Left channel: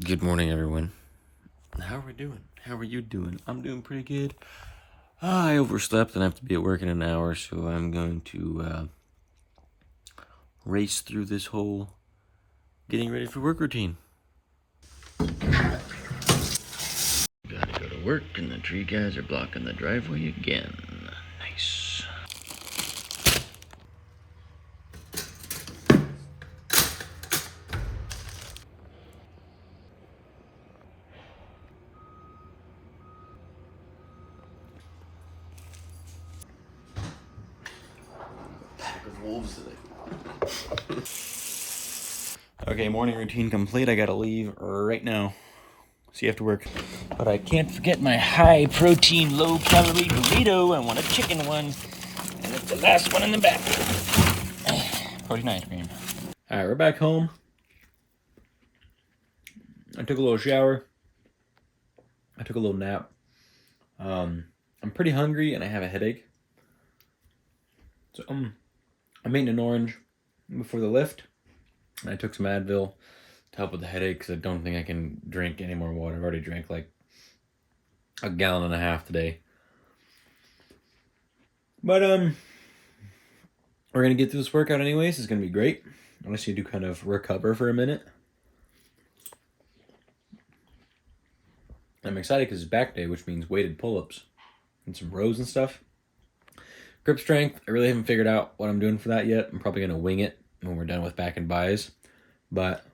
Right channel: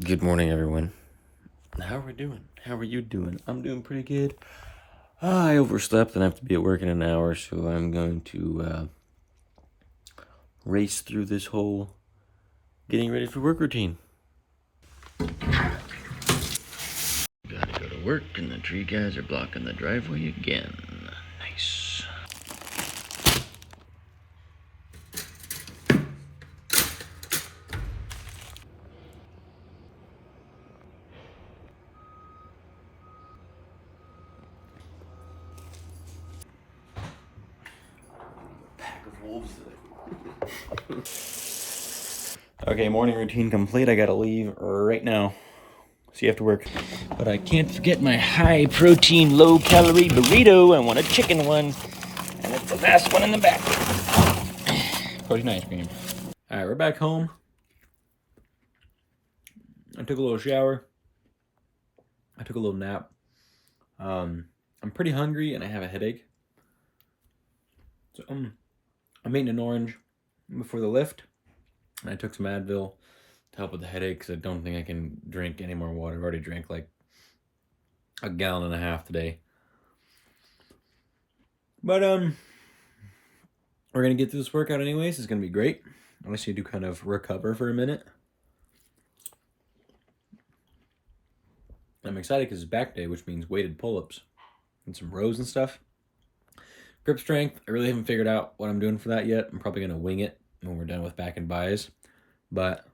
Good morning, everyone. How are we doing? How are you doing? I'm doing pretty good. I overslept and I have to be at work in an hour, so I'm going to race through this whole getting ready for work routine. Gotta go to work, and the tree guys are blocking the driveway again. Nice. Okay, morning routine complete. I gotta leave right now. See you after work. But I can't forget my high protein, low calorie burrito. I want a chicken one. And it's the last one in the back. Protein ice cream. Alright, we're back home. I took a little shower. I took a little nap. I'm pretty hungry and I have a headache. So I'm eating an orange before the lift. And I took some Advil to help with the headache because I don't think I can drink any more water. I've already drank like a gallon and a half today. But we're gonna get through this workout anyways. It's gonna be great. I just need to kind of recover for a minute. I'm excited because it's back day, which means weighted pull-ups and some rows and stuff. Grip strength, I really haven't figured out what I'm doing for that yet. I'm probably gonna wing it when we're done with back and buys. But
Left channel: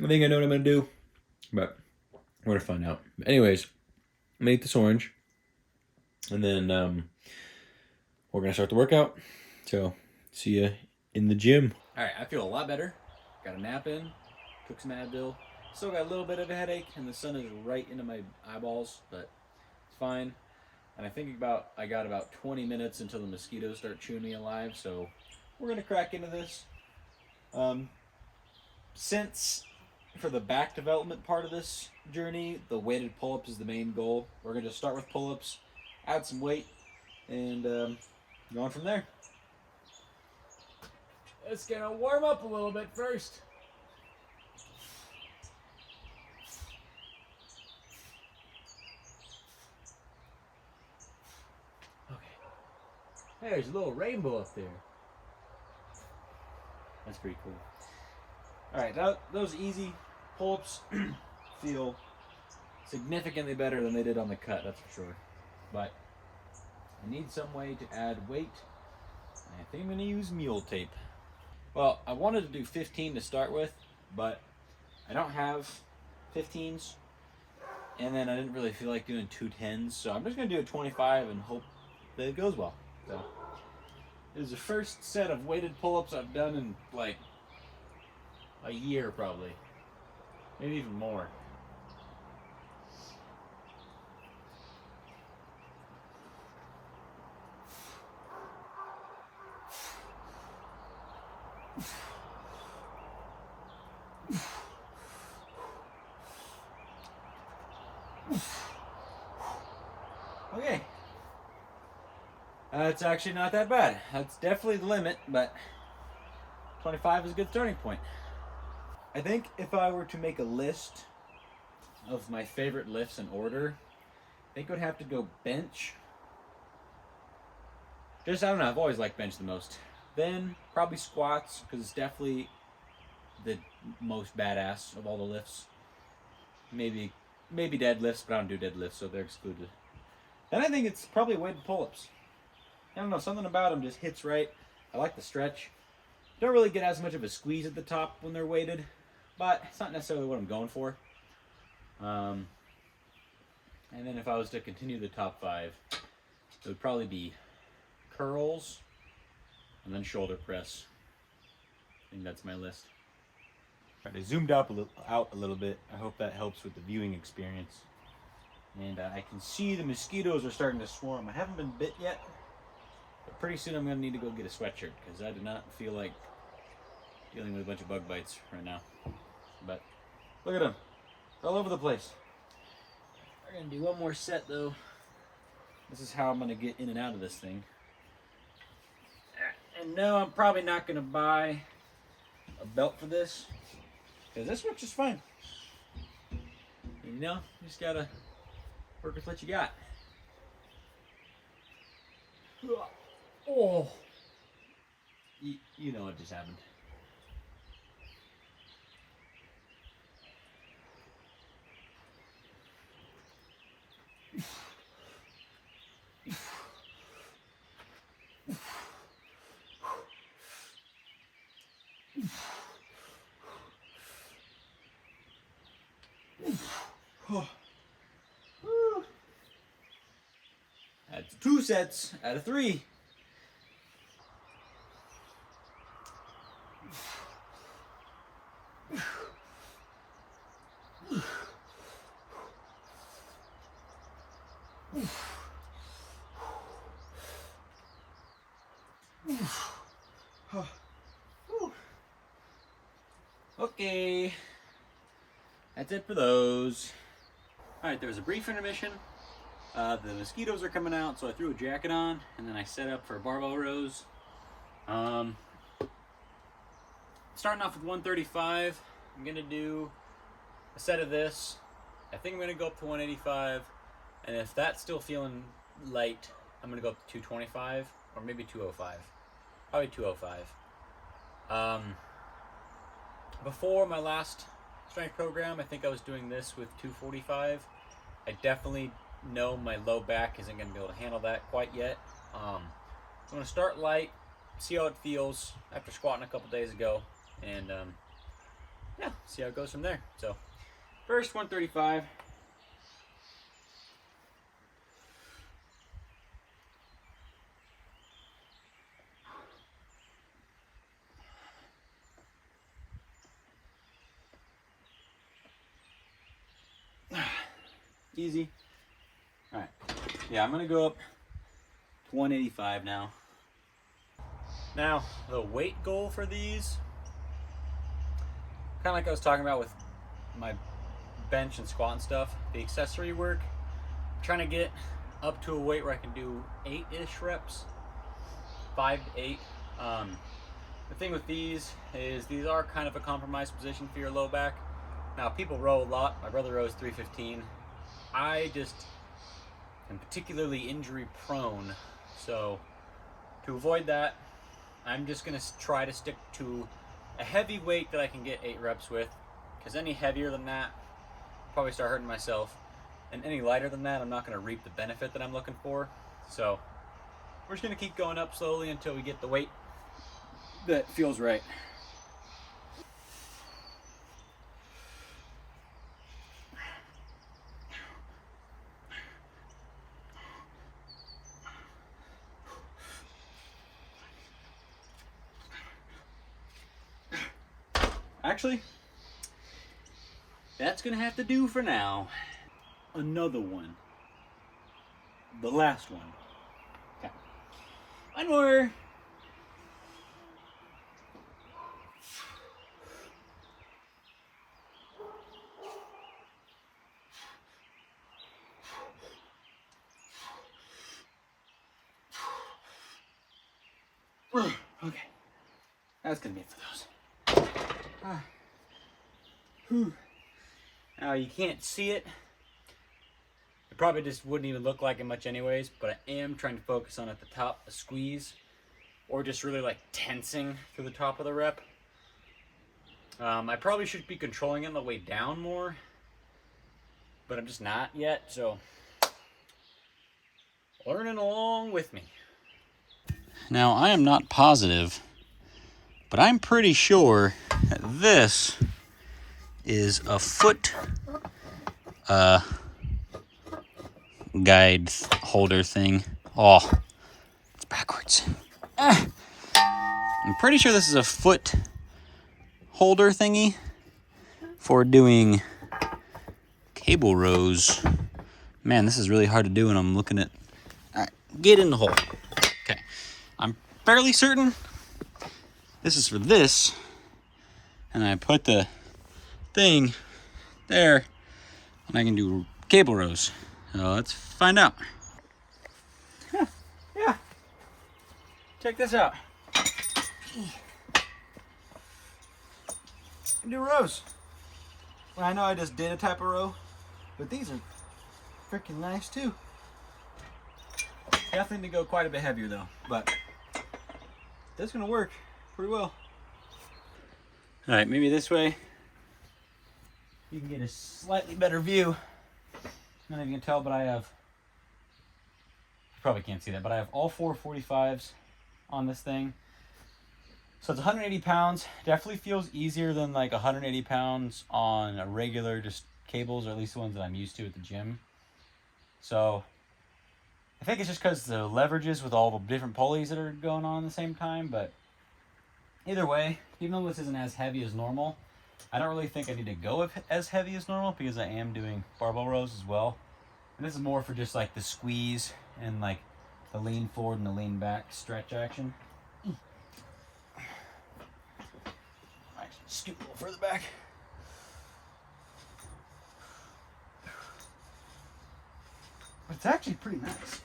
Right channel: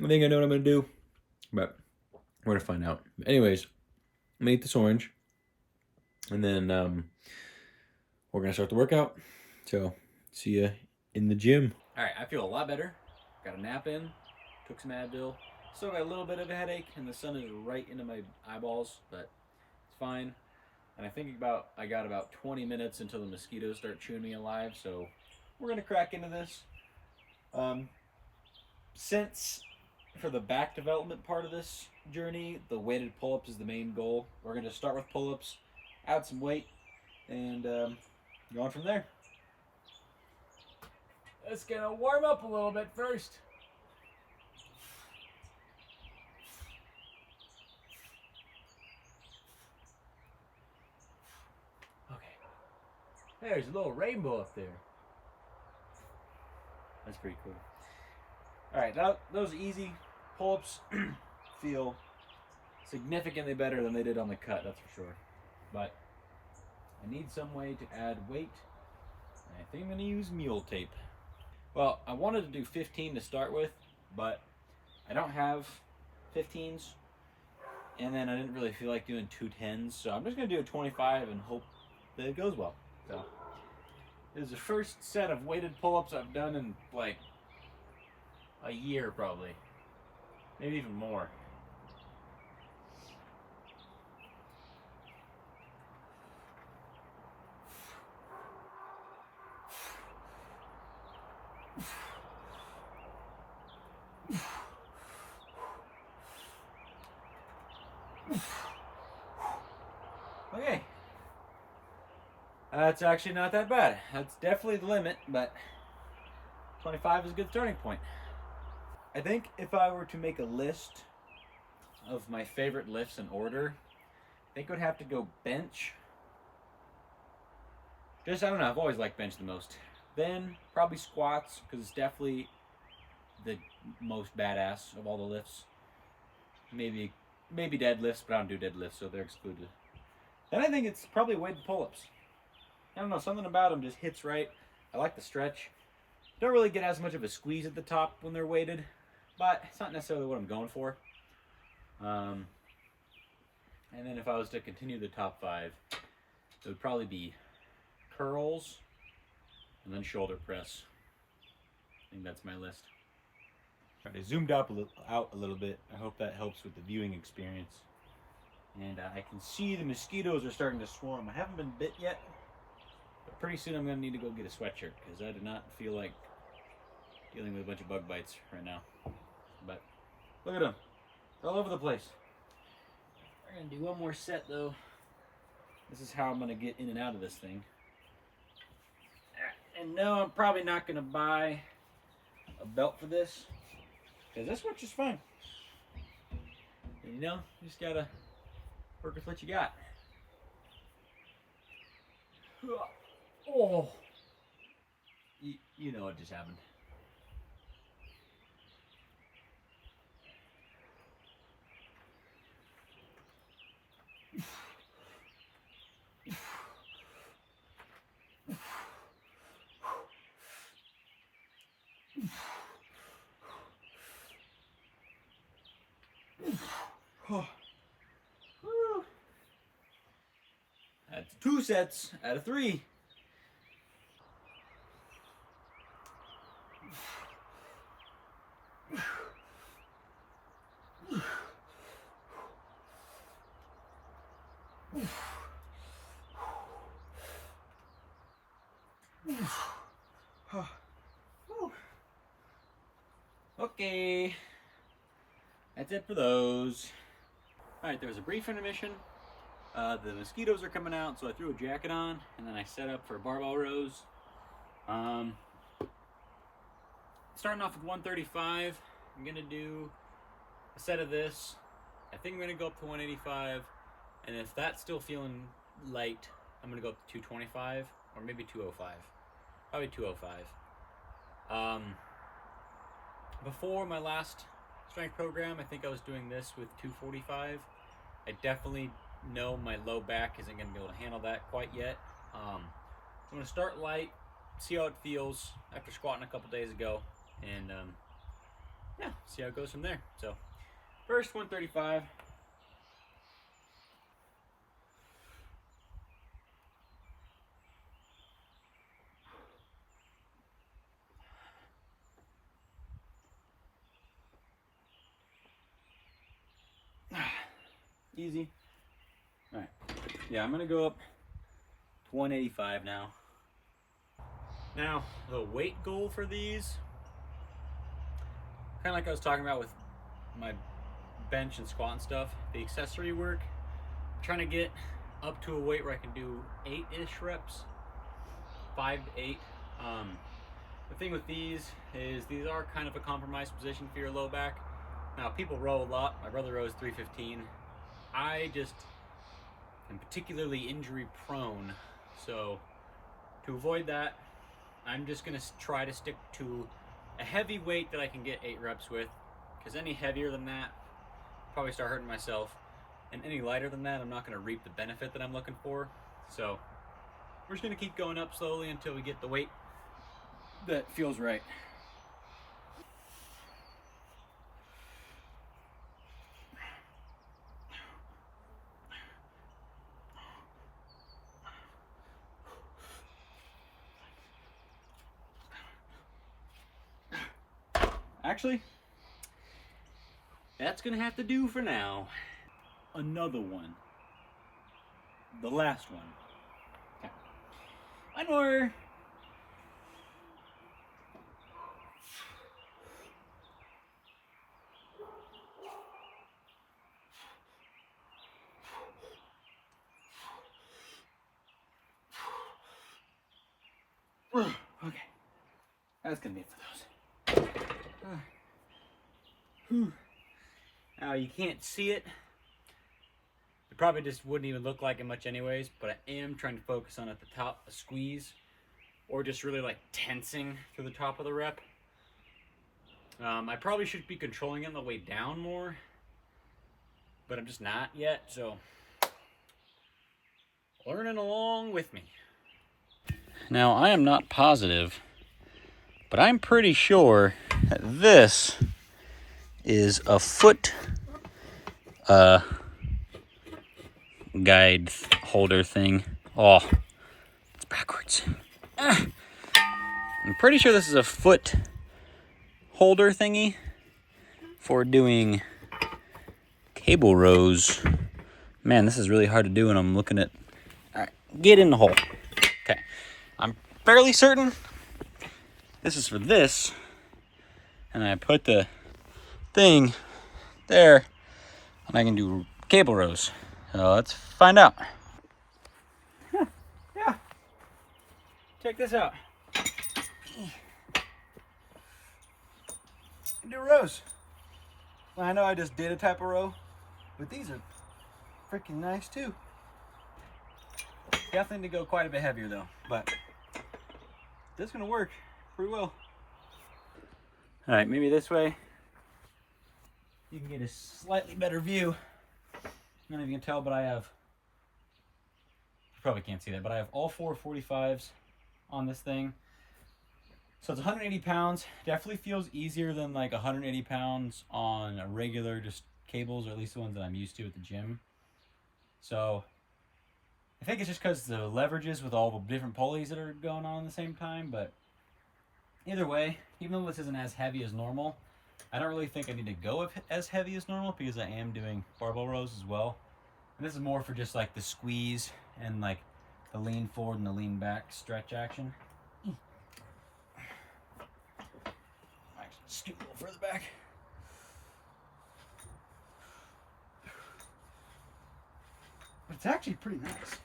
I think I know what I'm gonna do. But we're gonna find out. But anyways, I'm gonna eat this orange. And then we're gonna start the workout. So see you in the gym. Alright, I feel a lot better. Got a nap in, took some Advil. Still got a little bit of a headache, and the sun is right into my eyeballs, but it's fine. And I think I got about 20 minutes until the mosquitoes start chewing me alive, so we're gonna crack into this. Since for the back development part of this journey, the weighted pull-ups is the main goal. We're gonna start with pull-ups, add some weight, and go on from there. It's gonna warm up a little bit first. Okay. There's a little rainbow up there. That's pretty cool. Alright, those easy pull-ups feel significantly better than they did on the cut, that's for sure. But I need some way to add weight. I think I'm going to use mule tape. Well, I wanted to do 15 to start with, but I don't have 15s. And then I didn't really feel like doing 2 10s, so I'm just going to do a 25 and hope that it goes well. So, this is the first set of weighted pull-ups I've done in like a year probably. Maybe even more. Okay. That's actually not that bad. That's definitely the limit, but 25 is a good starting point. I think if I were to make a list of my favorite lifts in order, I think I would have to go bench. I don't know, I've always liked bench the most. Then probably squats, because it's definitely the most badass of all the lifts. Maybe deadlifts, but I don't do deadlifts, so they're excluded. Then I think it's probably weighted pull-ups. I don't know, something about them just hits right. I like the stretch. Don't really get as much of a squeeze at the top when they're weighted, but it's not necessarily what I'm going for. And then if I was to continue the top 5, it would probably be curls and then shoulder press. I think that's my list. All right, I zoomed out a little bit. I hope that helps with the viewing experience. And I can see the mosquitoes are starting to swarm. I haven't been bit yet, but pretty soon I'm going to need to go get a sweatshirt because I do not feel like dealing with a bunch of bug bites right now. But look at them. They're all over the place. We're going to do one more set though. This is how I'm going to get in and out of this thing. And no, I'm probably not going to buy a belt for this, because this works just fine. You know, you just gotta work with what you got. Oh, you know what just happened. That's 2 sets out of 3. Okay, that's it for those. All right, there was a brief intermission. The mosquitoes are coming out, so I threw a jacket on, and then I set up for barbell rows. Starting off with 135, I'm gonna do a set of this. I think I'm gonna go up to 185, and if that's still feeling light, I'm gonna go up to 225, or maybe 205. Probably 205. Before my last strength program, I think I was doing this with 245. I definitely know my low back isn't going to be able to handle that quite yet. So I'm going to start light, see how it feels after squatting a couple days ago, and yeah, see how it goes from there. So first 135. Easy. All right. Yeah, I'm going to go up to 185 now. Now, the weight goal for these, kind of like I was talking about with my bench and squat and stuff, the accessory work, I'm trying to get up to a weight where I can do 8-ish reps, 5 to 8. The thing with these is these are kind of a compromised position for your low back. Now, people row a lot. My brother rows 315. I just am particularly injury prone, so to avoid that, I'm just going to try to stick to a heavy weight that I can get 8 reps with, because any heavier than that, I'll probably start hurting myself, and any lighter than that, I'm not going to reap the benefit that I'm looking for. So we're just going to keep going up slowly until we get the weight that feels right. Actually, that's gonna have to do for now. Another one. The last one. Okay. One more. Okay. That's gonna be it for those. Now you can't see it. It probably just wouldn't even look like it much anyways, but I am trying to focus on at the top a squeeze, or just really like tensing through the top of the rep. I probably should be controlling it on the way down more, but I'm just not yet, so learning along with me. Now, I am not positive, but I'm pretty sure that this is a foot guide holder thing. Oh, it's backwards. I'm pretty sure this is a foot holder thingy for doing cable rows. Man, this is really hard to do when I'm looking at... All right, get in the hole. Okay, I'm fairly certain this is for this, and I put the thing there, and I can do cable rows. So let's find out. Yeah, check this out. do rows. I know I just did a type of row, but these are freaking nice too. Definitely to go quite a bit heavier though, but this is gonna work pretty well. All right, maybe this way you can get a slightly better view. I don't know if you can tell, but I have, you probably can't see that, but I have all 4 45s on this thing. So it's 180 pounds. Definitely feels easier than like 180 pounds on a regular just cables, or at least the ones that I'm used to at the gym. So I think it's just because the leverages with all the different pulleys that are going on at the same time. But either way, even though this isn't as heavy as normal, I don't really think I need to go as heavy as normal because I am doing barbell rows as well. And this is more for just like the squeeze and like the lean forward and the lean back stretch action. Scoot a little further back. It's actually pretty nice.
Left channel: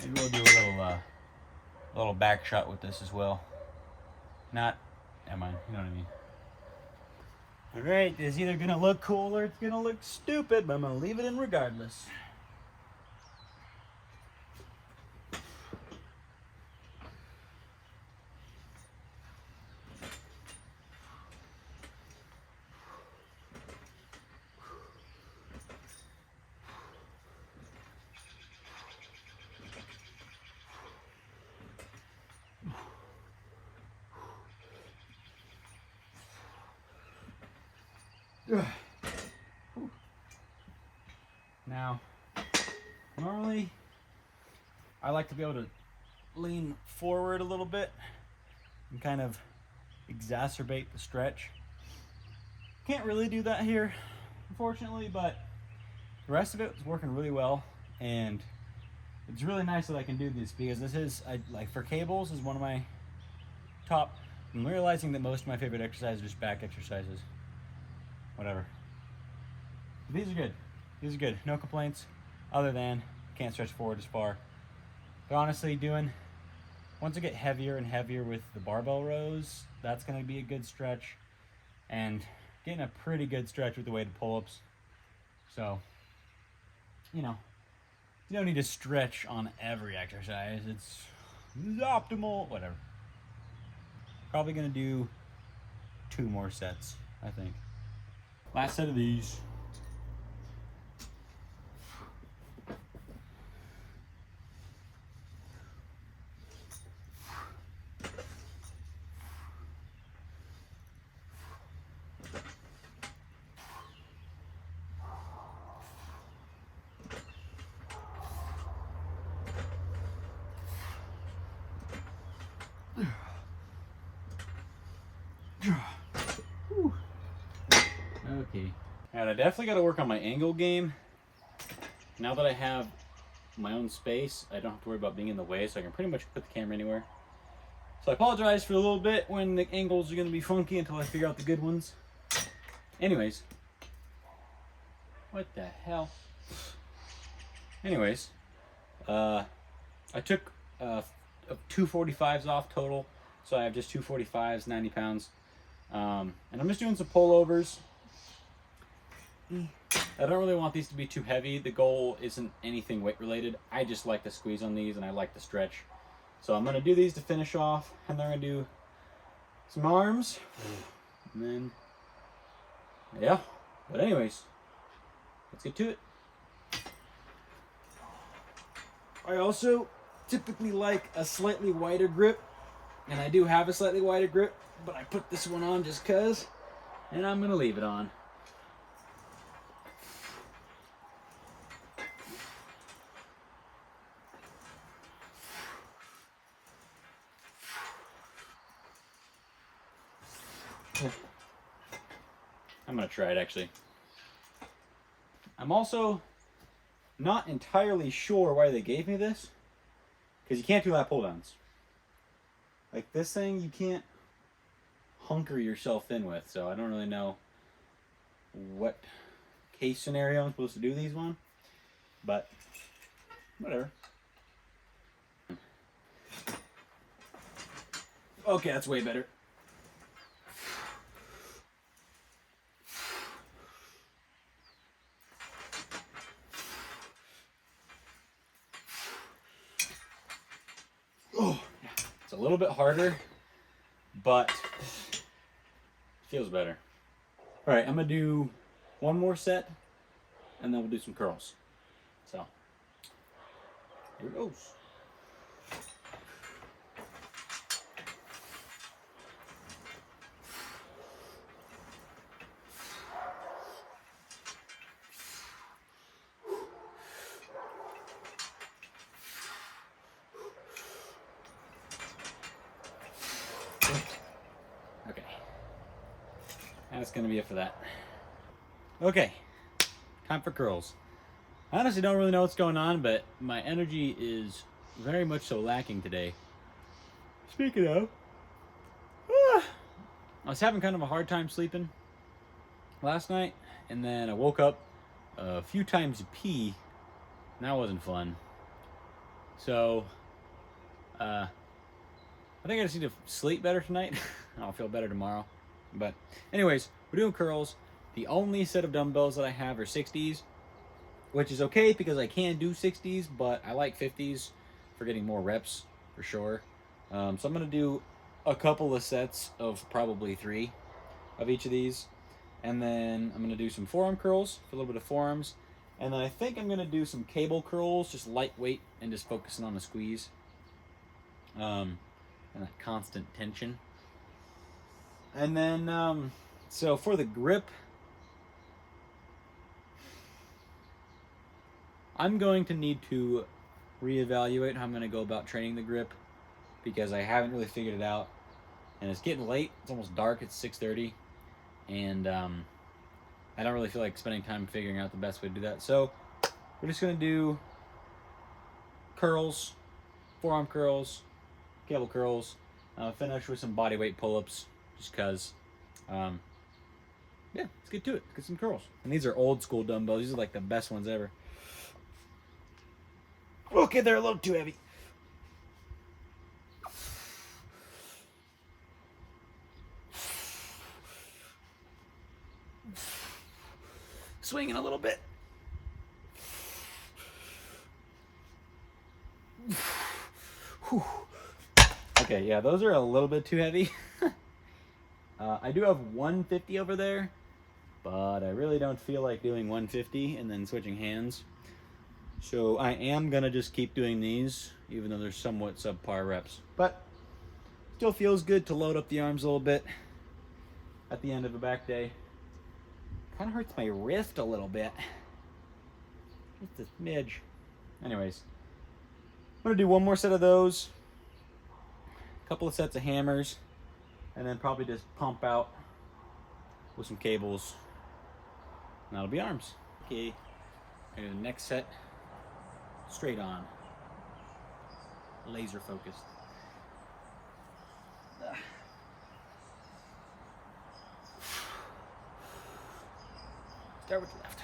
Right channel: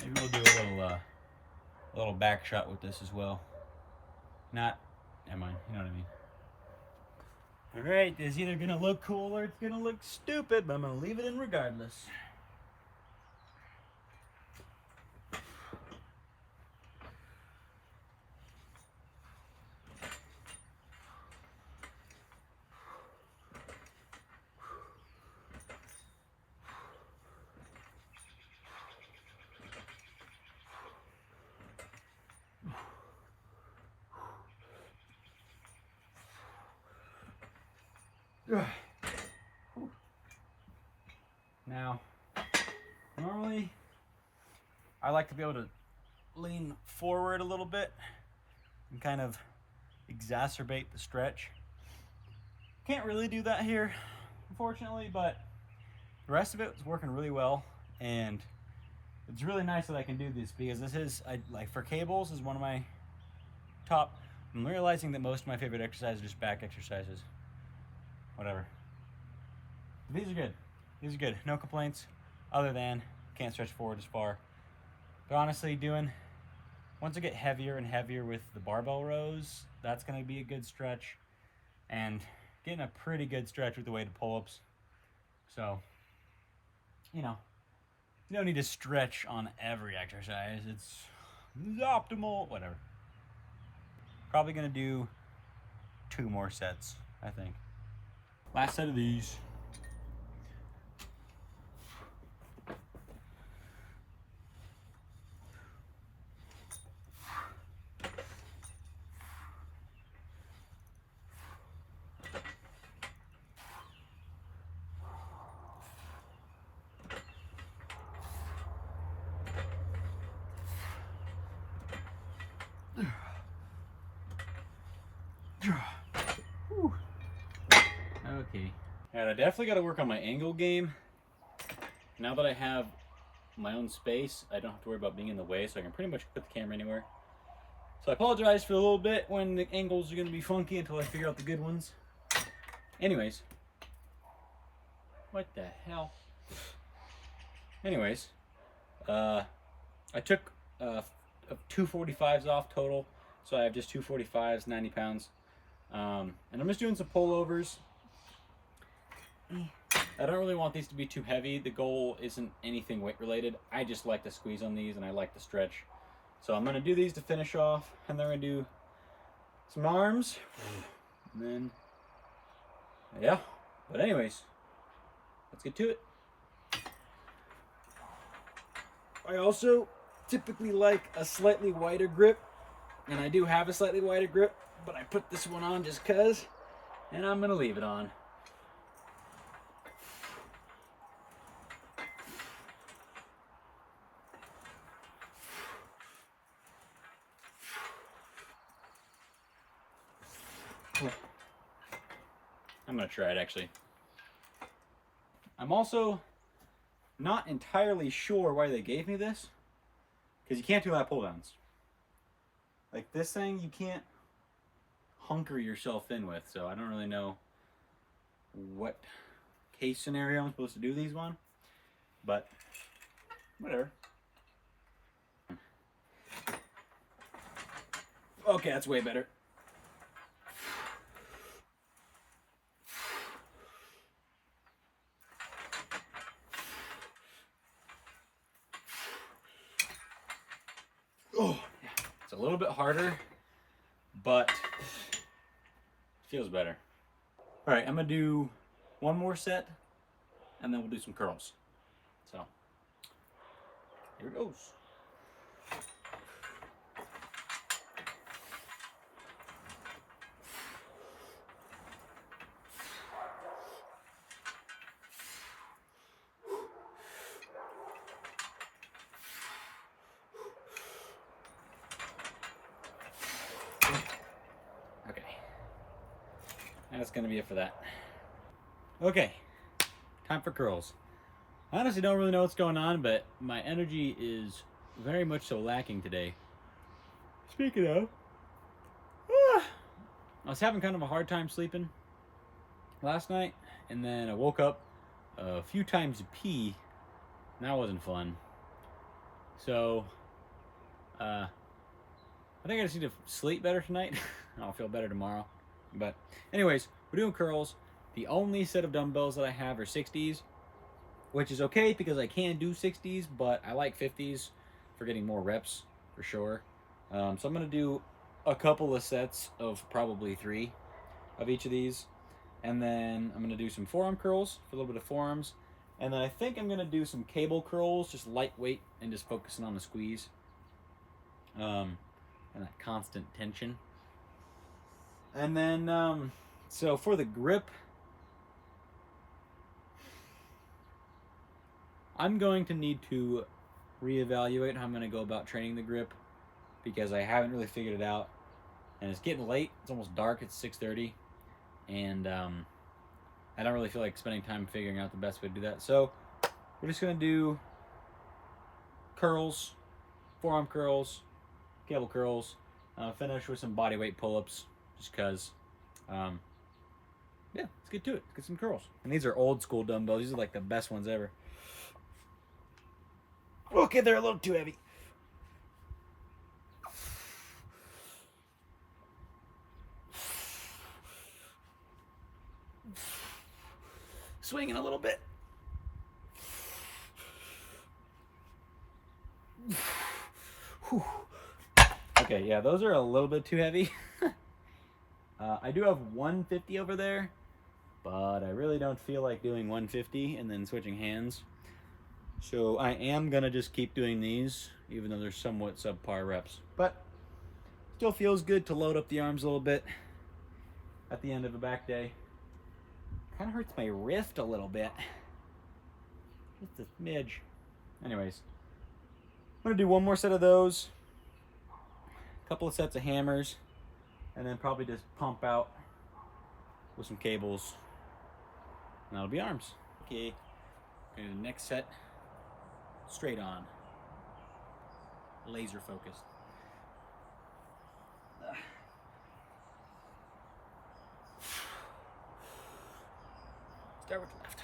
Maybe we'll do a little back shot with this as well. Not, never mind, you know what I mean. Alright, it's either gonna look cool or it's gonna look stupid, but I'm gonna leave it in regardless. Now, normally I like to be able to lean forward a little bit and kind of exacerbate the stretch. Can't really do that here, unfortunately, but the rest of it is working really well, and it's really nice that I can do this because this is, like for cables, is one of my top. I'm realizing that most of my favorite exercises are just back exercises. Whatever. These are good. These are good. No complaints other than can't stretch forward as far. But honestly, once I get heavier and heavier with the barbell rows, that's going to be a good stretch. And getting a pretty good stretch with the weighted pull-ups. So, you don't need to stretch on every exercise. It's optimal, whatever. Probably going to do 2 more sets, I think. Last set of these. Okay. And I definitely got to work on my angle game. Now that I have my own space, I don't have to worry about being in the way, so I can pretty much put the camera anywhere. So I apologize for a little bit when the angles are going to be funky until I figure out the good ones. Anyways. What the hell? Anyways. I took 2 45s off total. So I have just 2 45s, 90 pounds. And I'm just doing some pullovers. I don't really want these to be too heavy. The goal isn't anything weight related. I just like to squeeze on these and I like to stretch. So I'm going to do these to finish off, and then I'm going to do some arms. And then, yeah. But anyways, let's get to it. I also typically like a slightly wider grip, and I do have a slightly wider grip, but I put this one on just cause, and I'm going to leave it on. I'm going to try it actually. I'm also not entirely sure why they gave me this, because you can't do lat pull downs. Like this thing, you can't hunker yourself in with, so I don't really know what case scenario I'm supposed to do these one, but whatever. Okay, that's way better. Oh, yeah. It's a little bit harder, but feels better. All right, I'm gonna do one more set, and then we'll do some curls. So, here it goes. Okay, that's gonna be it for that. Okay, time for curls. I honestly don't really know what's going on, but my energy is very much so lacking today. Speaking of, I was having kind of a hard time sleeping last night, and then I woke up a few times to pee, and that wasn't fun. So, I think I just need to sleep better tonight. I'll feel better tomorrow. But anyways, we're doing curls. The only set of dumbbells that I have are 60s, which is okay because I can do 60s, but I like 50s for getting more reps for sure. So I'm going to do a couple of sets of probably 3 of each of these. And then I'm going to do some forearm curls for a little bit of forearms. And then I think I'm going to do some cable curls, just lightweight and just focusing on the squeeze. And that constant tension. And then, so for the grip, I'm going to need to reevaluate how I'm going to go about training the grip because I haven't really figured it out. And it's getting late. It's almost dark. It's 6:30. And I don't really feel like spending time figuring out the best way to do that. So we're just going to do curls, forearm curls, cable curls. Finish with some body weight pull-ups just because, yeah, let's get to it. Let's get some curls. And these are old school dumbbells. These are like the best ones ever. Okay, they're a little too heavy. Swinging a little bit. Whew. Okay, yeah, those are a little bit too heavy. I do have 150 over there, but I really don't feel like doing 150 and then switching hands. So I am gonna just keep doing these, even though they're somewhat subpar reps. But still feels good to load up the arms a little bit at the end of a back day. Kind of hurts my wrist a little bit. Just a smidge. Anyways, I'm gonna do one more set of those, a couple of sets of hammers, and then probably just pump out with some cables, and that'll be arms. Okay, and the next set, straight on, laser focused. Start with the left.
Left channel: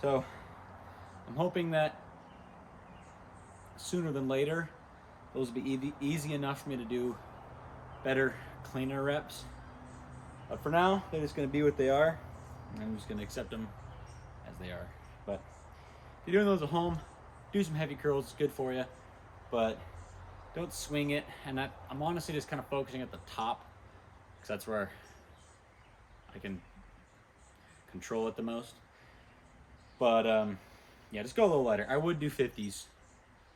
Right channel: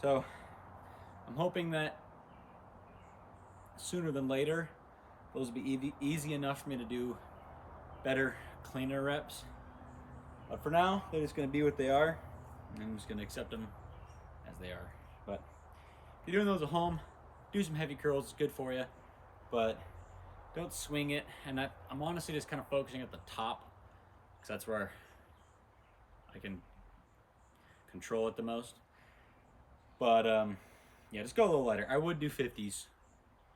So I'm hoping that sooner than later those will be easy enough for me to do better, cleaner reps. But for now, they're just going to be what they are, and I'm just going to accept them as they are. But if you're doing those at home, do some heavy curls. It's good for you, but don't swing it. And I'm honestly just kind of focusing at the top because that's where I can control it the most. But yeah, just go a little lighter. I would do 50s,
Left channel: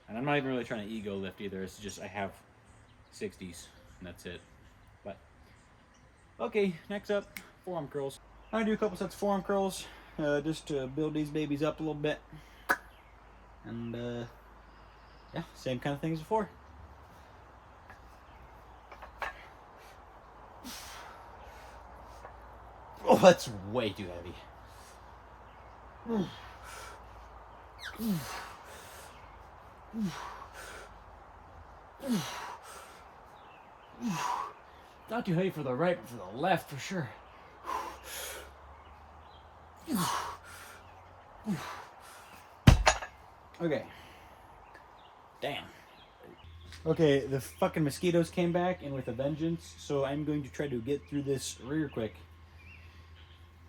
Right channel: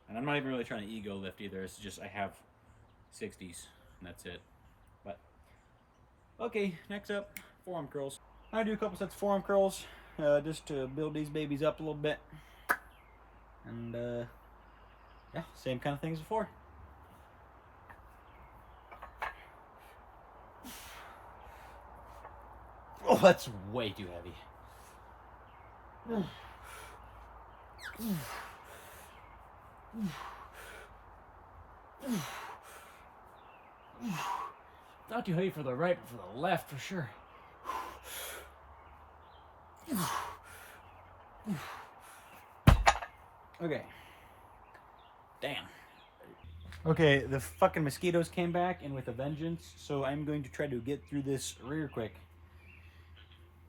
and I'm not even really trying to ego lift either. It's just I have 60s, and that's it. But okay, next up, forearm curls. I'm gonna do a couple sets of forearm curls just to build these babies up a little bit, and yeah, same kind of thing as before. Oh, that's way too heavy. Not too heavy for the right, but for the left for sure. Okay. Damn. Okay, the fucking mosquitoes came back and with a vengeance, so I'm going to try to get through this real quick.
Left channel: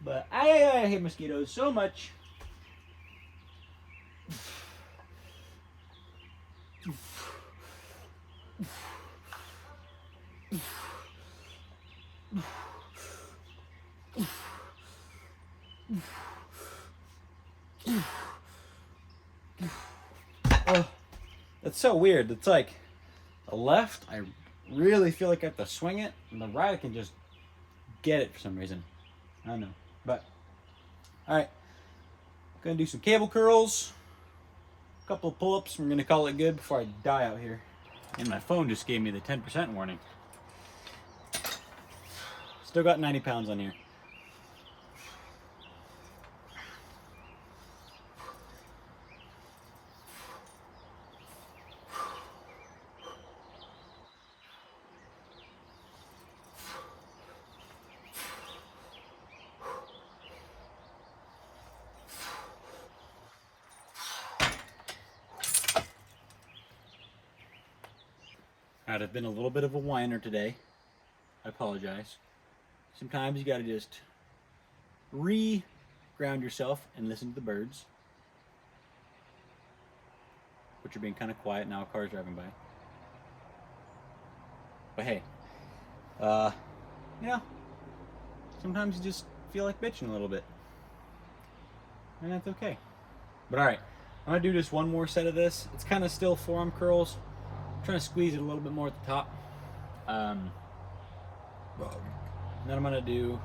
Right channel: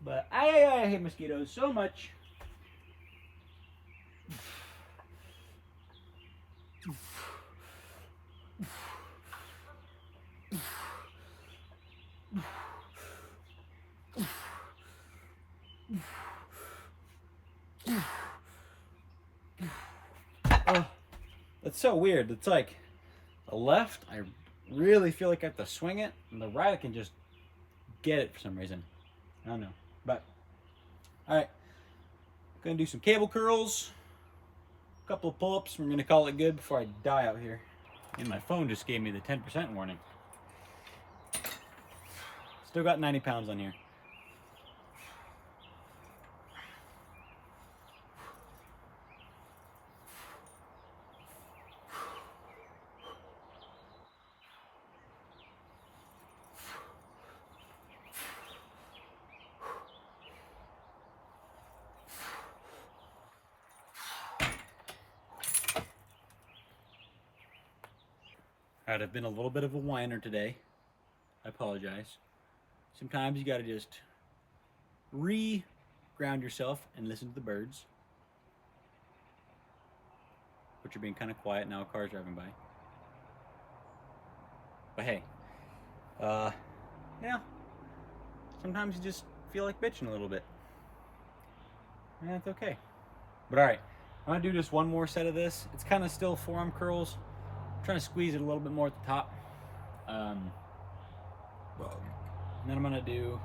But I hate mosquitoes so much. Oh, that's so weird. It's like the left, I really feel like I have to swing it, and the right, I can just get it for some reason. I don't know. But, alright. Gonna do some cable curls, a couple of pull-ups. We're gonna call it good before I die out here. And my phone just gave me the 10% warning. Still got 90 pounds on here. Alright, I've been a little bit of a whiner today. I apologize. Sometimes you gotta just ground yourself and listen to the birds. Which are being kind of quiet now, a car's driving by. But hey, yeah, sometimes you just feel like bitching a little bit. And that's okay. But alright, I'm gonna do just one more set of this. It's kind of still forearm curls. I'm trying to squeeze it a little bit more at the top. And then I'm gonna do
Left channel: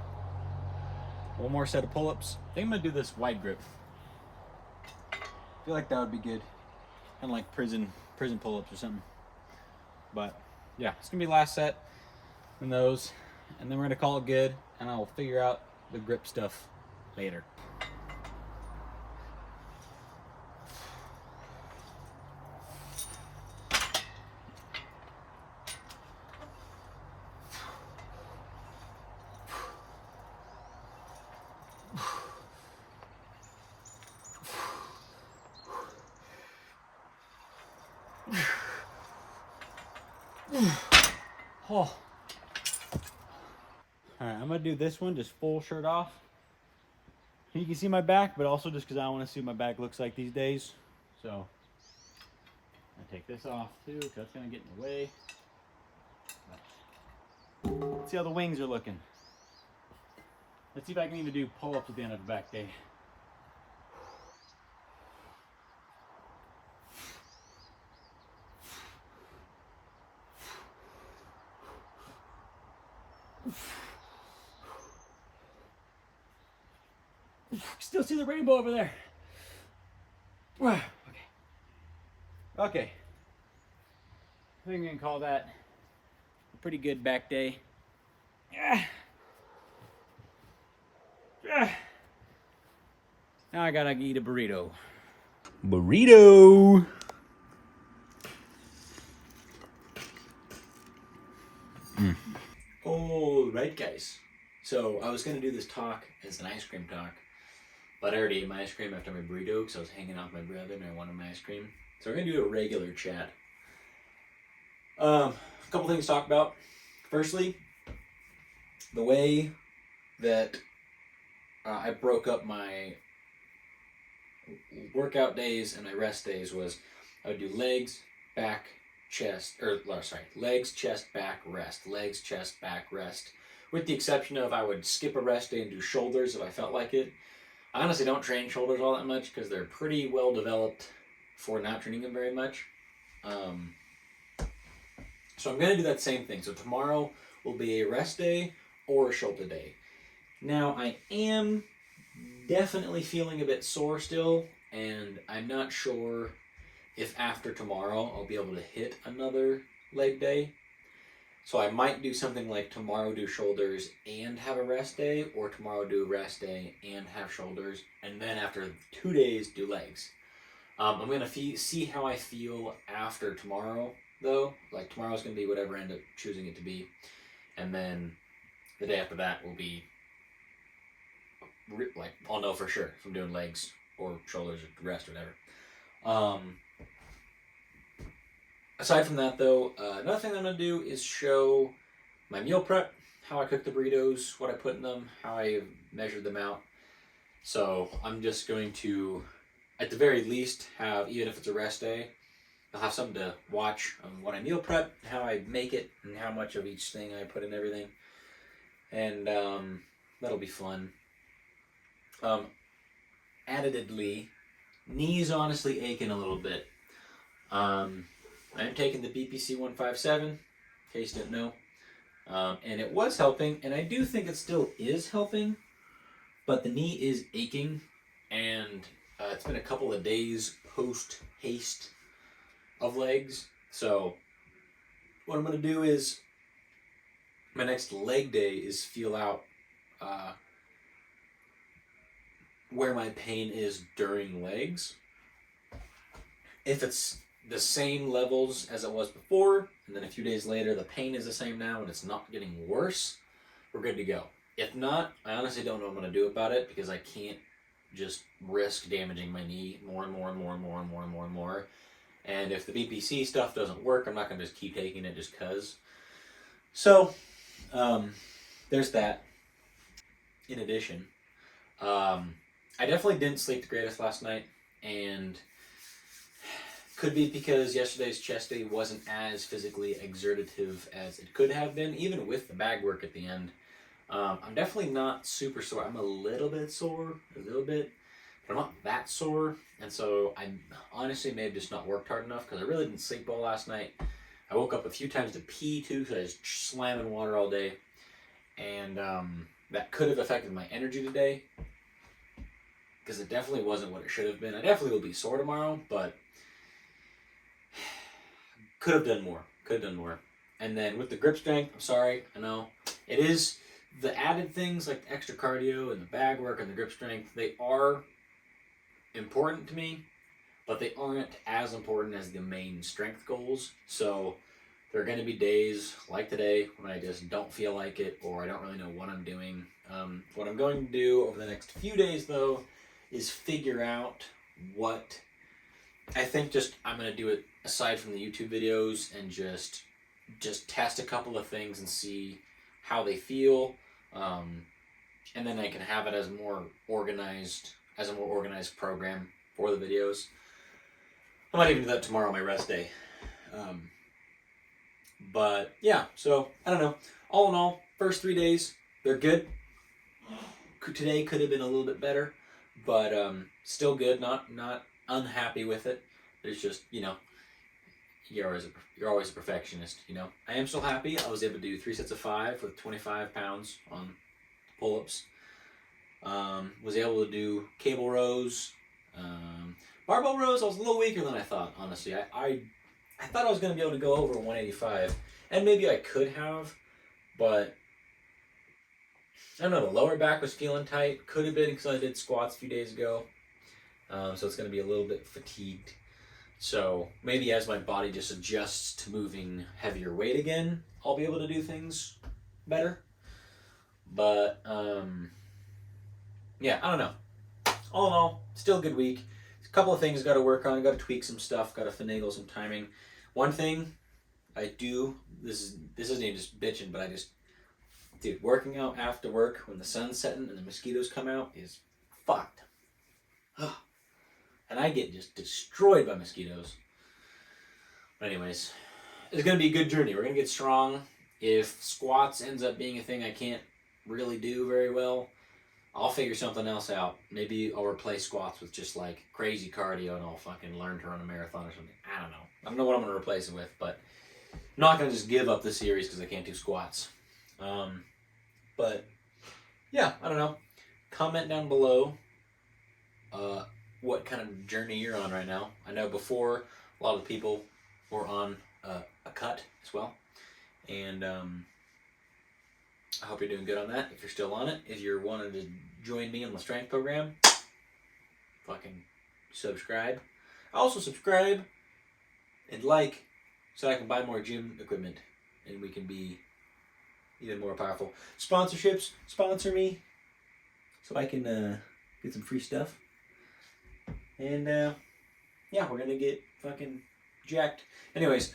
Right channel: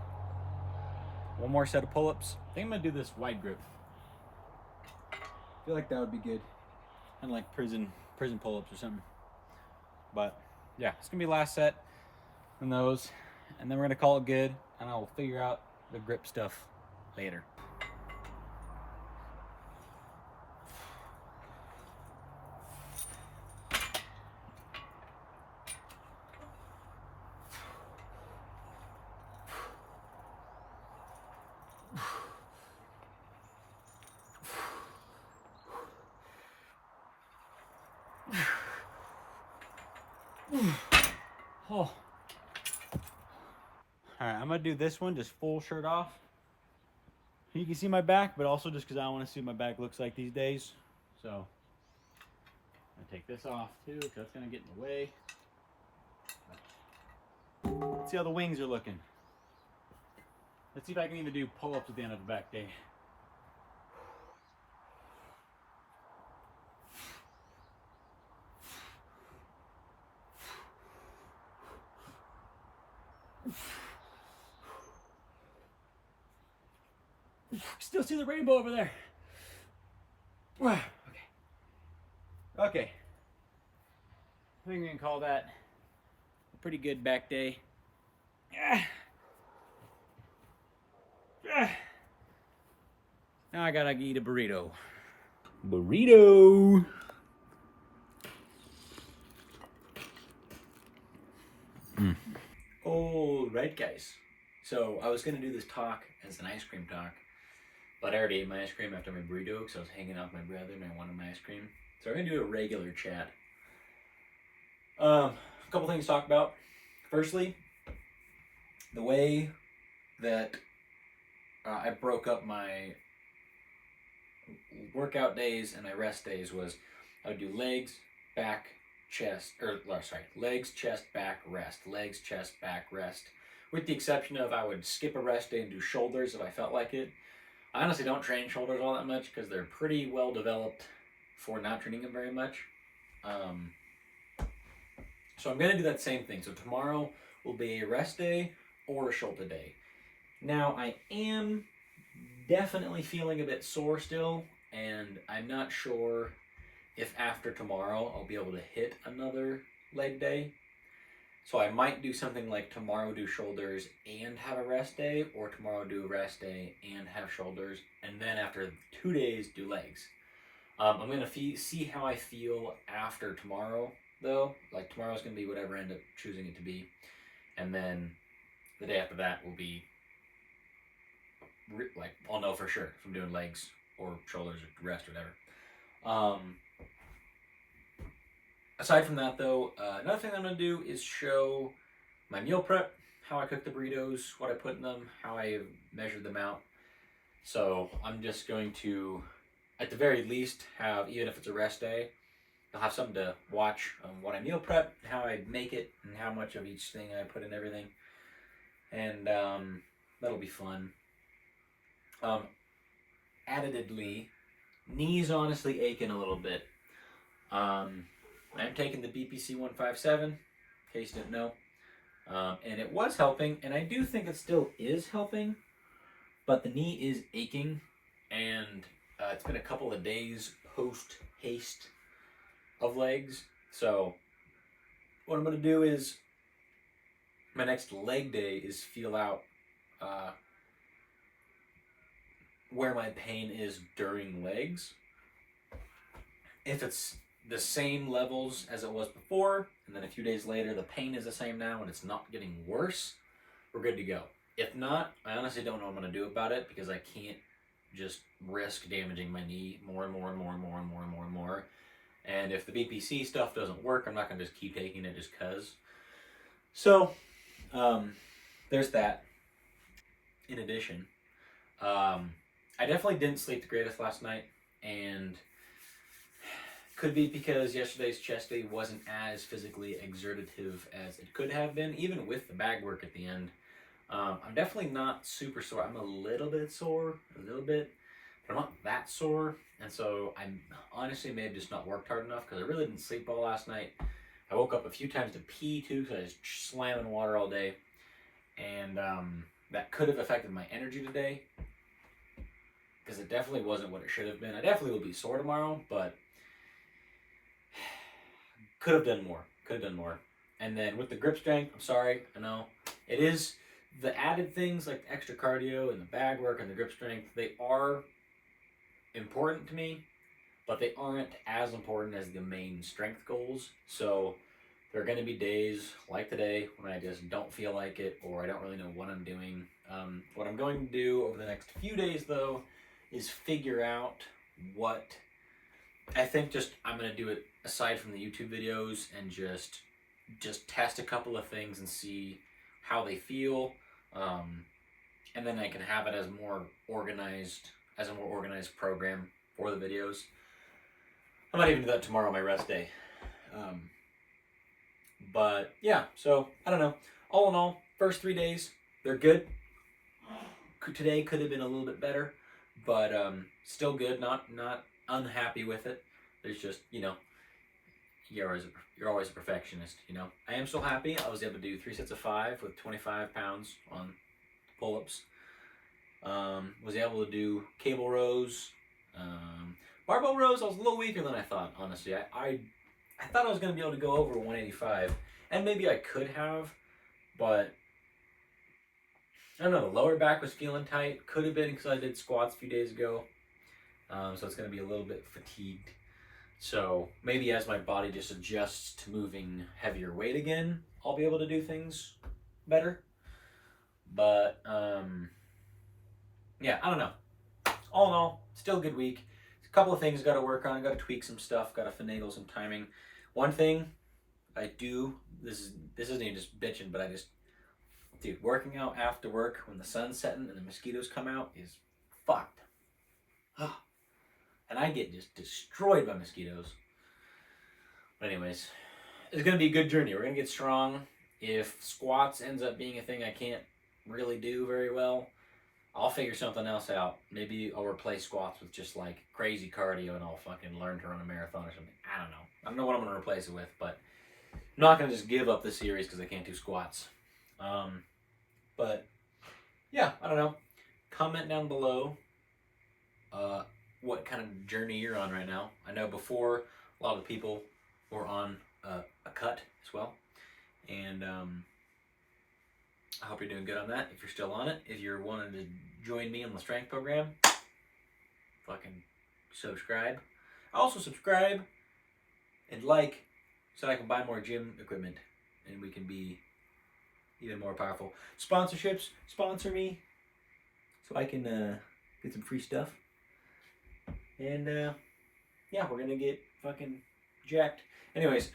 one more set of pull-ups. I think I'm gonna do this wide grip. I feel like that would be good. Kind of like prison pull-ups or something. But yeah, it's gonna be last set in those, and then we're gonna call it good, and I'll figure out the grip stuff later. Oh. Alright, I'm gonna do this one just full shirt off. You can see my back, but also just because I want to see what my back looks like these days. So, I take this off too, because that's gonna get in the way. But let's see how the wings are looking. Let's see if I can even do pull-ups at the end of the back day. Still see the rainbow over there. Okay. Okay. I think we can call that a pretty good back day. Now I gotta eat a burrito. Burrito! Alright guys, so I was gonna do this talk as an ice cream talk, but I already ate my ice cream after my burrito because I was hanging out with my brother and I wanted my ice cream. So we're gonna do a regular chat. A couple things to talk about. Firstly, the way that I broke up my workout days and my rest days was I would do legs, back, chest, legs, chest, back, rest, legs, chest, back, rest. With the exception of I would skip a rest day and do shoulders if I felt like it. I honestly don't train shoulders all that much because they're pretty well developed for not training them very much. So I'm going to do that same thing. So tomorrow will be a rest day or a shoulder day. Now I am definitely feeling a bit sore still, and I'm not sure if after tomorrow I'll be able to hit another leg day. So I might do something like tomorrow do shoulders and have a rest day, or tomorrow do a rest day and have shoulders, and then after 2 days do legs. I'm gonna see how I feel after tomorrow, though. Like tomorrow's gonna be whatever I end up choosing it to be, and then the day after that will be like I'll know for sure if I'm doing legs or shoulders or rest or whatever. Um, Aside from that, though, another thing I'm gonna do is show my meal prep, how I cook the burritos, what I put in them, how I measured them out. So I'm just going to, at the very least, have, even if it's a rest day, I'll have something to watch on what I meal prep, how I make it, and how much of each thing I put in everything. And that'll be fun. Addedly, knees honestly aching a little bit. I'm taking the BPC 157, in case you didn't know. And it was helping, and I do think it still is helping, but the knee is aching, and it's been a couple of days post haste of legs. So what I'm going to do is my next leg day is feel out where my pain is during legs. If it's the same levels as it was before, and then a few days later the pain is the same now and it's not getting worse, we're good to go. If not, I honestly don't know what I'm going to do about it, because I can't just risk damaging my knee more and more and more and more and more and more and more. And if the BPC stuff doesn't work, I'm not going to just keep taking it just because. So, there's that. In addition, I definitely didn't sleep the greatest last night, and could be because yesterday's chest day wasn't as physically exertive as it could have been, even with the bag work at the end. I'm definitely not super sore. I'm a little bit sore, but I'm not that sore. And so I honestly may have just not worked hard enough, because I really didn't sleep well last night. I woke up a few times to pee too, because I was slamming water all day. And that could have affected my energy today, because it definitely wasn't what it should have been. I definitely will be sore tomorrow, but could have done more. And then with the grip strength, I'm sorry, I know it is the added things like the extra cardio and the bag work and the grip strength. They are important to me, but they aren't as important as the main strength goals. So there are going to be days like today when I just don't feel like it, or I don't really know what I'm doing. What I'm going to do over the next few days, though, is figure out what I think. I'm going to do it aside from the YouTube videos, and just test a couple of things and see how they feel, and then I can have it as a more organized program for the videos. I might even do that tomorrow on my rest day. But yeah, so I don't know. All in all, first 3 days, they're good. Today could have been a little bit better, but still good. Not unhappy with it. It's just, you're always a perfectionist. I am still happy. I was able to do 3 sets of 5 with 25 pounds on pull-ups. Was able to do cable rows. Barbell rows, I was a little weaker than I thought, honestly. I thought I was going to be able to go over 185, and maybe I could have, but I don't know, the lower back was feeling tight. Could have been because I did squats a few days ago, so it's going to be a little bit fatigued. So maybe as my body just adjusts to moving heavier weight again, I'll be able to do things better. But yeah, I don't know. All in all, still a good week. A couple of things got to work on. Got to tweak some stuff. Got to finagle some timing. One thing I do, this isn't even just bitching, but dude, working out after work when the sun's setting and the mosquitoes come out is fucked. And I get just destroyed by mosquitoes. But anyways, it's going to be a good journey. We're going to get strong. If squats ends up being a thing I can't really do very well, I'll figure something else out. Maybe I'll replace squats with just like crazy cardio, and I'll fucking learn to run a marathon or something. I don't know. I don't know what I'm going to replace it with, but I'm not going to just give up the series because I can't do squats. But yeah, I don't know. Comment down below what kind of journey you're on right now. I know before A lot of the people were on a cut as well. And I hope you're doing good on that. If you're still on it, if you're wanting to join me on the strength program, fucking subscribe. Also subscribe and like so I can buy more gym equipment and we can be even more powerful. Sponsorships, sponsor me so I can get some free stuff. And yeah, we're gonna get fucking jacked. Anyways,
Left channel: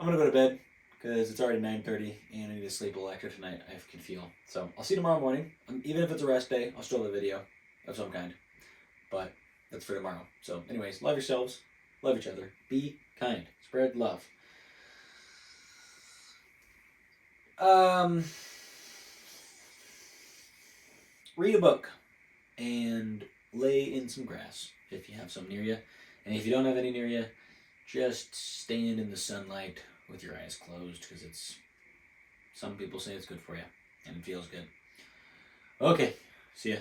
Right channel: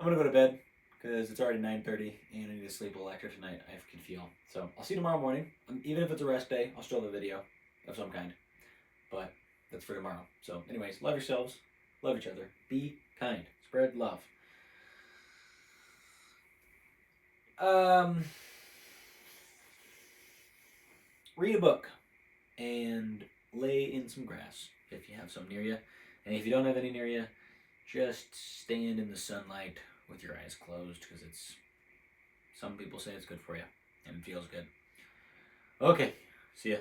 I'm gonna go to bed because it's already 9:30 and I need to sleep a little extra tonight. I can feel. So I'll see you tomorrow morning. Even if it's a rest day, I'll still have a video of some kind. But that's for tomorrow. So anyways, love yourselves, love each other, be kind, spread love. Read a book and lay in some grass if you have some near you. And if you don't have any near you, just stand in the sunlight with your eyes closed because some people say it's good for you and it feels good. Okay, see ya.